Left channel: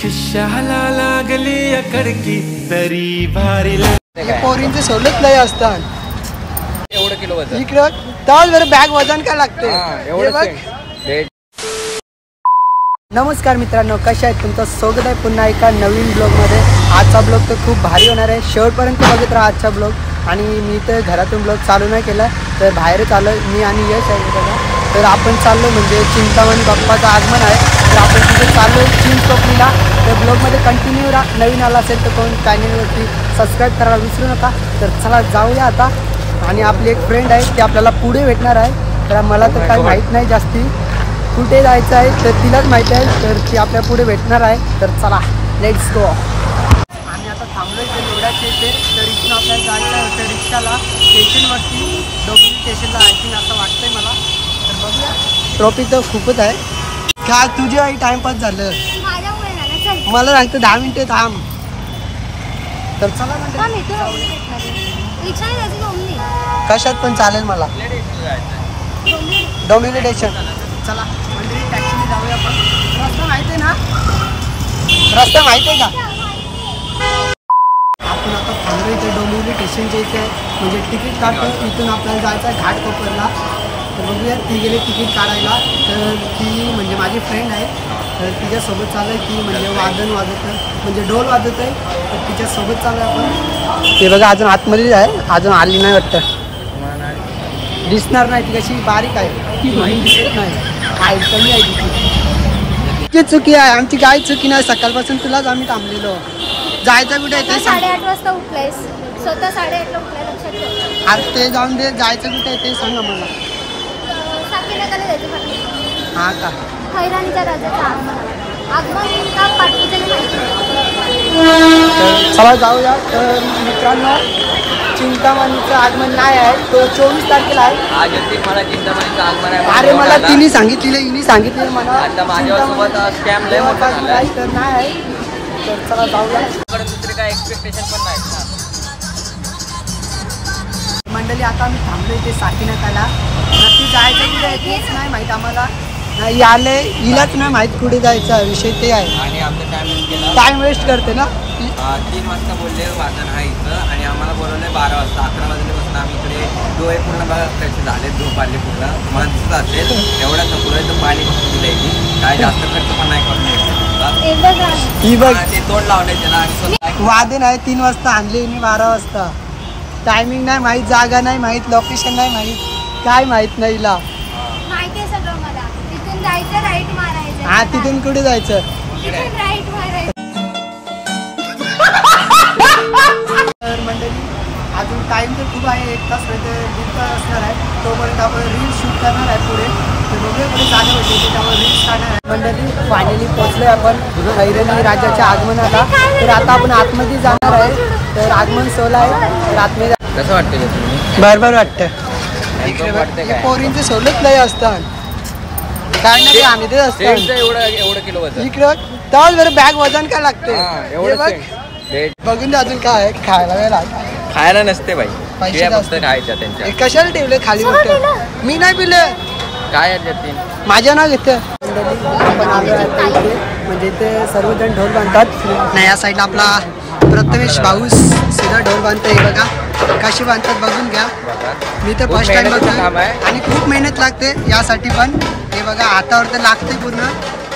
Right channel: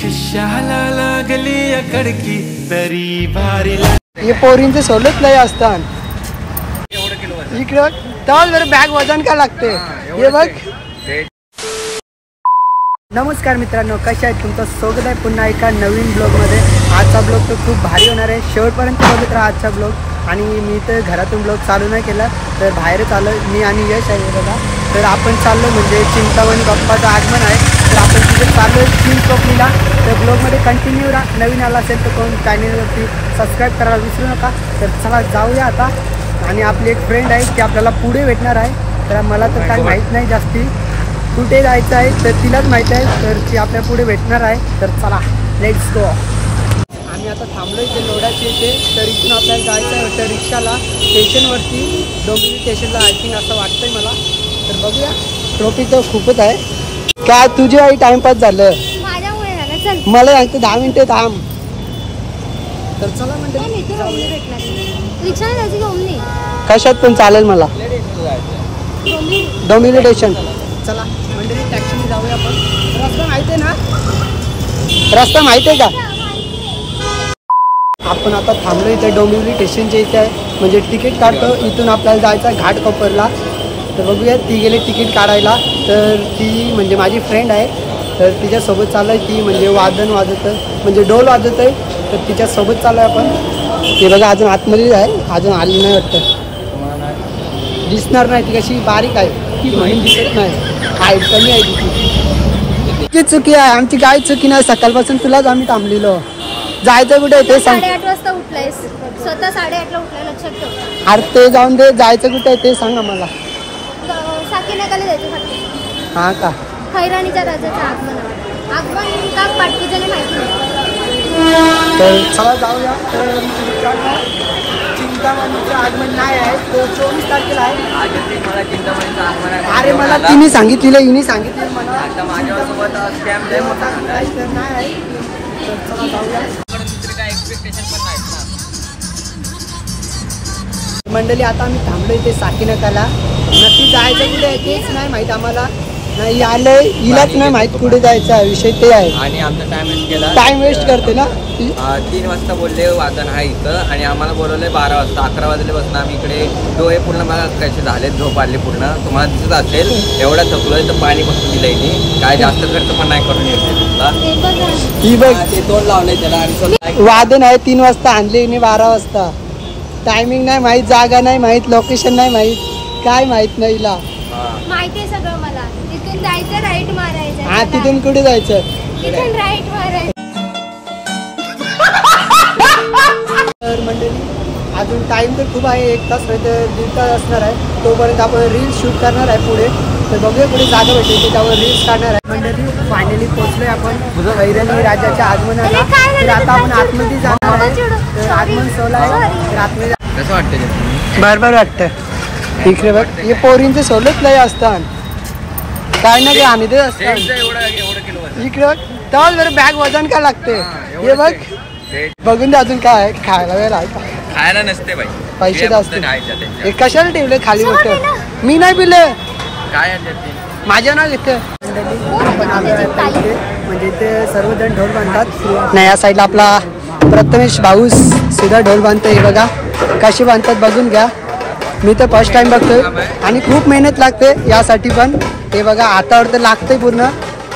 खिशाला लागली अकडकी तरी भारी हे पोरींचे सोलत लय असतात इकडं तर जर बॅग वजन काय लागते हे बघ। नमस्कार मित्रांनो, कशा आहेत? तुमचं स्वागत आहे पुन्हा एका नवीन ब्लॉगमध्ये। आजचा ब्लॉग तर खूप भारी होणार आहे, शेवटपर्यंत बघत राहा आजचा ब्लॉग। आणि मी तर घरातून ब्लॉग चालू नाही केला, तर बाहेरच आलो मी आणि यश आहे बघा। तर आपण चाललो म्हणजे चिंतामणी बाप्पाचं आगमन आहे, तर आपण तिथे चाललो आहे चिंचपोकलीला। तर ब्लॉगमध्ये कंटिन्यू राहा, नवीन आला असेल तर कोण चॅनलवरती सबस्क्राईब करायला विसरू नका। तर चला जाऊया आता। आणि आपली एक फ्रेंड आहे ती आपल्याला पुढे भेटणार आहे, तर मला तर काही माहीत नाही जास्ती कुठे जायचं आहे, तर तिलाच माहीत आहे, तर ती आपल्या पुढे भेटणार आहे। तर चला लेट्स गो। आम्ही आता थांबलो इथे लोढाच्या इथे, तर इथून आपल्याला जायचं आहे होतं रिक्षाला स्टेशनवरती, डोंबिवली स्टेशनला आय थिंक असं वाटतंय मला। तर बघूया, ट्रॉफिक तर खूपच आहे। काय तुझी आई टाइमपास झालं? मला सांगतं 10 मिनिटं थांब। तर चला म्हणते कशात पण चालेल मला, डोंबिवली स्टेशन। चला मंडळी टॅक्सीने जाऊया आपण। रस्ता माहिती आहे ना? रस्ता माहिती आहे का? आपण आता थांबलो इथे डोंबिवली स्टेशनच्या इथे आहे, म्हणजे तिकीट काढतो इथून आपल्याला जायचं आहे घाटकोपरला। तर बघूया, ती गेले तिकीट काढायला। तर ती म्हणजे माझी फ्रेंड आहे, तर तिच्यासोबत चालू आहे। ती म्हणजे वादन वाजत म्हणजे डोल वाजत आहे, तर तिच्यासोबत चालू आहे आपण। ते बघा अजून आतमध्येच आहे, अजून आली नाही वाटतं, दिसणार नाही। ती कशी बारीक आहे ती म्हणून दिसत नाही, आहे कमी आहे तिची चुकी आहे आमची, काही चुकी नाही। सकाळपासून तुलाच आम्ही थांबलेलो। जायचं कुठे आहे ते सांग। 8:30 वाजता उठलायस, स्वतः 8:30 ला उठलाय, लक्षात ठेव। अरे ते जाऊन दे, जायचं कुठे आहे ते सांग ना मला। साकीनगरला जायचं साकी। हा का? खैरानीच्या राजाचं आगमन का पाठपूजन माहिती नाही, तर चला जाऊया। तर मित्रांनो, चिंतामणीचं आगमन नाही आहे, तो 24 तारखेला आहे। अरे मला तिने सांगितलेलं, हिने सांगितलं मला चिंतामणी देवाचं आगमन आहे, तर नाही आहे। तर चला जाऊया। मंडळी आता आम्ही थांबलो इथे साकीनकाला, नक्की जायचं कुठे आहे तेच नाही माहीत आम्हाला। नाही आले, हिलाच नाही माहित कुठे जायचा विषय ते आहे। आणि आमचा टाइम वेस्ट करते ना। 3 वाजता बोलले वादन आहे इथं, आणि आम्हाला बोलवले 12 वाजता। 11 वाजल्यापासून आम्ही इकडे डोळे पूर्ण बघा कसे झाले, झोप आले पूर्ण, तुम्हाला दिसत असेल। एवढा थकलोय तर पाणी बसून दिलंय, काय जास्त खर्च पण नाही करून येते। ही बघ ते तोड लावलंय त्याला, आणि वादन आहे 3 वाजता आणले हिने 12 वाजता। टायमिंग नाही माहित, जागा नाही माहित, लोकेशन नाही माहित, काय माहित नाही हिला। माहिती आहे सगळं मला। तिथून जायचं, राईट मारायचं। हा तिथून कुठे जायचं? तिथून राईट मारायचं। तर मंडळी अजून टाइम तर खूप आहे, 1 तास नाही तर 1.5 तास असणार आहे। तोपर्यंत आपण रील्स शूट करणार आहे पुढे, तर बघूया पुढे जागा भेटेल त्यावर रील्स काढणार आहे। मंडळी फायनली पोहोचलोय आपण खैरानी राजाच्या आगमनाला। तर आता आपण आतमध्ये जाणार आहे, तर आगमन सोहळा आहे, तर आतमध्ये कसं वाटतं तुम्ही? बरोबर वाटतं। इकडे बघ, हे पोरींचे सोलत लय असतात, काय ना काय आम्ही ते असतात। इकडे बघ, तर जर बॅग वजन काय लागते हे बघ, बघून दे। अजून काय आहे खायला वेळ आहे का? खायला नसते बाई, पैसे जास्त। हे कशाला ठेवले खाली गोष्ट? मी नाही पिलं, काय माझ्या नाव येतं। आपण आलो आहे इथे, म्हणजे इथे सर्वजण ढोल बांधतात। नाही या साईडला आपला प्रथमेश भाऊस सुद्धा ढोल बांधतो, हे बघा कशी बांधतात बघून घ्या। मी तर फर्स्ट टाइम बघतोय, आणि खूप मेहनत लागते यासाठी पण। हे बघा हातावर तर लागतंय पूर्ण,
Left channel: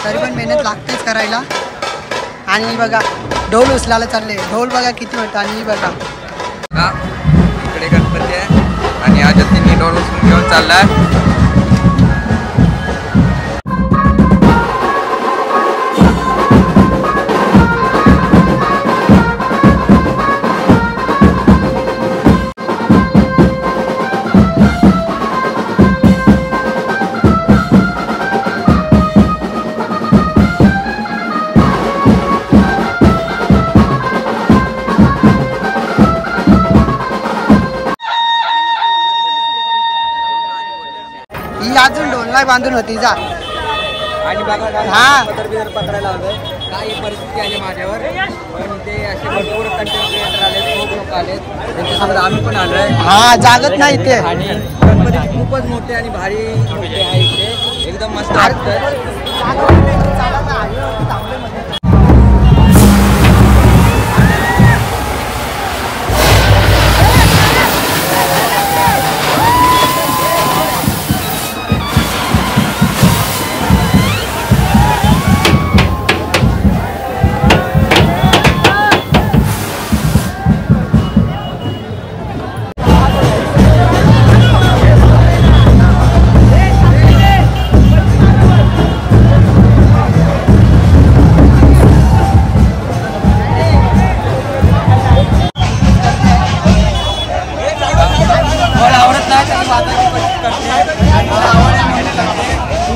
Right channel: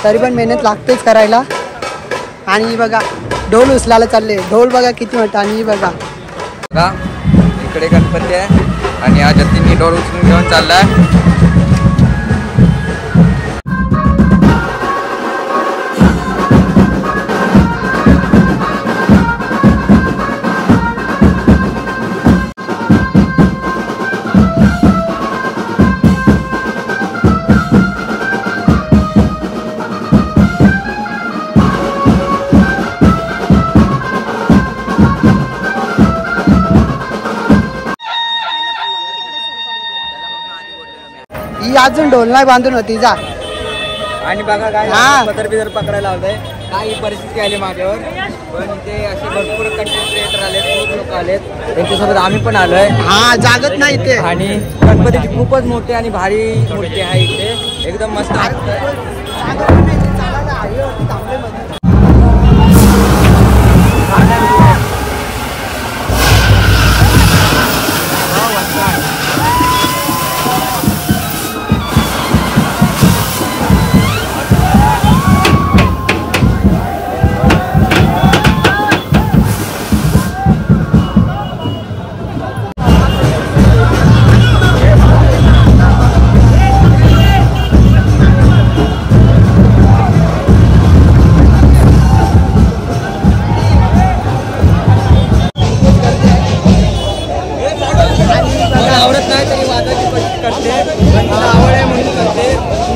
तरी पण मेहनत लागतेच करायला। आणि बघा ढोल उचलायला चालले, ढोल बघा किती मोठा। आणि बघा इकडे गणपती आहे, आणि आज जतीन ढोल उचलून घेऊन चाललाय। अजून ढोल नाही बांधून होती जा। आणि बघा काय हा पकडायला लावलंय, काय परिस्थिती आली माझ्यावर। पण ते असे भरपूर कंटेंट क्रिएटर आलेत, खूप लोक आलेत, त्यांच्यासोबत आम्ही पण आलोय। हा जागत नाही इथे, आणि गणपती खूपच मोठे आणि भारी मूर्ती आहे इथे, एकदम मस्त वाटतं।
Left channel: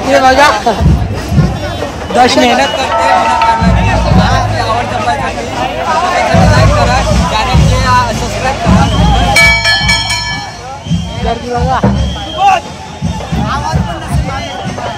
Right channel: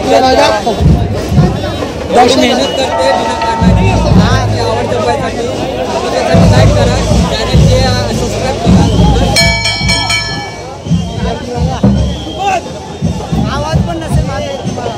हे बघा दर्शन मेहनत करते बिना कारणाची आवड जपायसाठी त्यासाठी लाईक करा चॅनलचे सबस्क्राईब करा आवाज पण नसेल माझा तुम्हाला.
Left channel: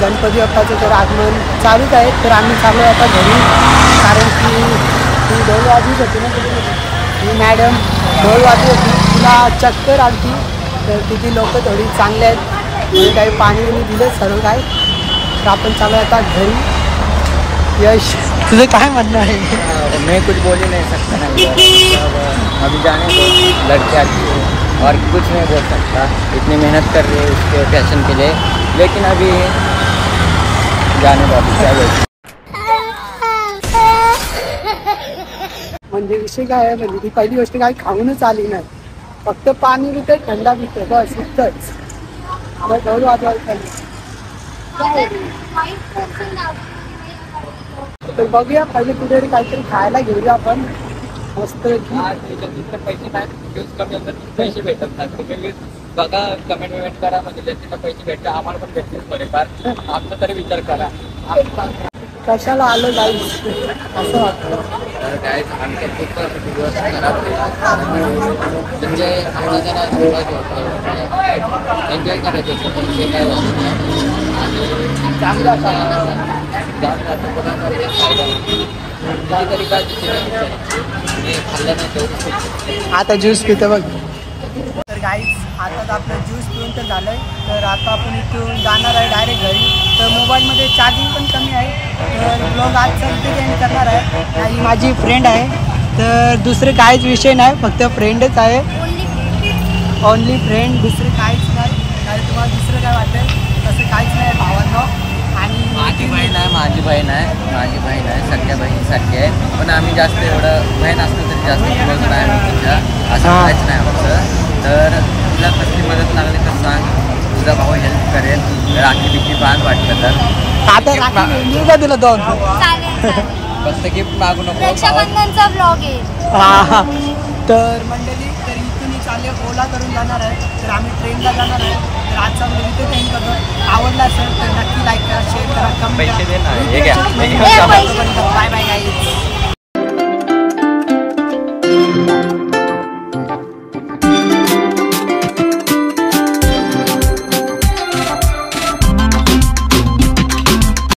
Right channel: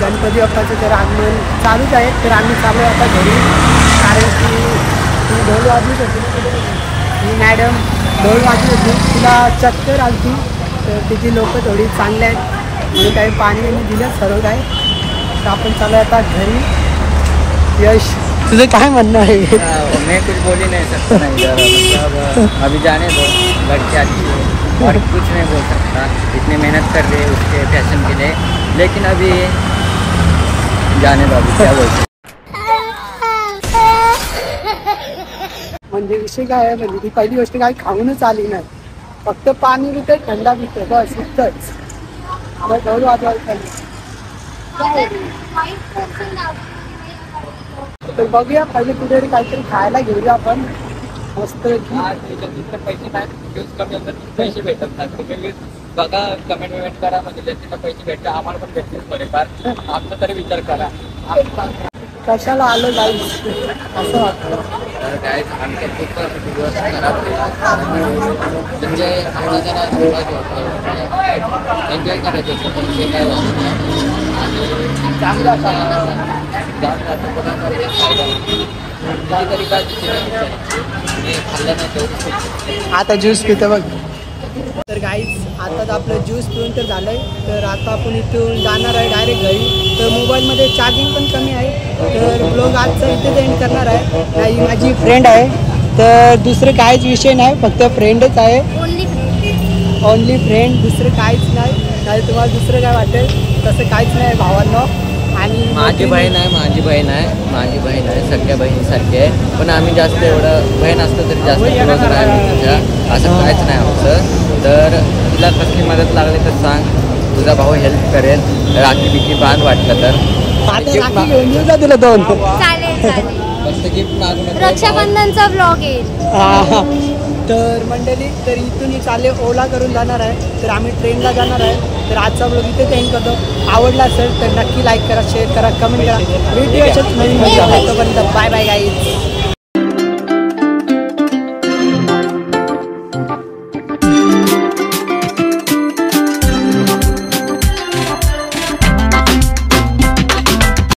गणपती बाप्पाचं तर आगमन चालूच आहे. तर आम्ही चाललो आता घरी, कारण की ती ढोल वाजवीत होती ना कुठे ही मॅडम ढोल वाजवीत होती, तिला चक्कर आलती. तर तिथे लोक थोडी चांगले आहेत म्हणून काही पाणी आणि दिलं सर्व काय. तर आपण चालू आता घरी. यश तुझं काय म्हणणं आहे? मैं कुछ बोल ही नहीं सकता ना इधर, मतलब अभी जाने दो, लड़के अच्छी है और कुछ नहीं बोल सकता. इतनी मेहनत कर रहे हैं उसके पैशन के लिए, लेकिन अभी जाने दो, अभी क्या बोलते. म्हणजे विषय काय आहे, म्हणजे ती पहिली गोष्ट काय खाऊनच आली नाही, फक्त पाणी पिते, थंडा पिते, बस इतकंच. मग ढोल वाजवायचं. तर बघूया पहिले कुठेतरी काहीतरी खायला घेऊया आपण मस्त. पैसे नाही कमी होतात, पैसे भेटत नाही. बघा कमेंट विमेंट करा, म्हणजे ज्यांना पैसे भेटतात आम्हाला पण भेटतील थोडेफार, आमचा तरी विचार करा. कशाला आलो जाईल असं वाटतं. काय आमचा खूप दिवस खराब म्हणजे आम्हाला जरा एन्जॉय करायचं होतं, पण ते काय झालं चांगला तरी काय खाल्लं नाही. आता ज्यूस पितो बघ. तर गाईज आता आपलं ज्यूस पिऊन तर झालंय. तर आता आपण इथून जाणार आहे डायरेक्ट घरी. तर मोबाईलमध्ये चार्जिंग पण कमी आहे, तर ब्लॉग आजचा इथे एंड करणार आहे. नाही माझी फ्रेंड आहे, तर दुसरं काहीच विषय नाही, फक्त फ्रेंडच आहे, ओनली फ्रेंड, दुसरं काहीच नाही. नाही तुम्हाला दुसरं काय वाटेल तसं काहीच नाही भावांनो. आणि माझी बहीण आहे सख्या बहिणीसारखी आहे, पण आम्ही जास्त एवढं बहीण असतो तरी जास्त क्लोज नाही आम्ही तिच्या, असं काहीच नाही आमचं. तर तुला कसली मदत लागली तर सांग, तुझा भाऊ हेल्प करेल. राखी बिखी बांध वाटलं तर. आता राखी घेऊन येऊ का तुला दोन? फक्त गिफ्ट मागू नको. रक्षाबंधनचा ब्लॉग येईल. हा. तर मंडळी, तर इथून चालले ओला करून जाणार आहे, तर आम्ही ट्रेनला जाणार आहे. तर आजचा ब्लॉग इथेच एंड करतो. आवडला असेल तर नक्की लाईक करा, शेअर करा, कमेंट करा. Video bye bye guys.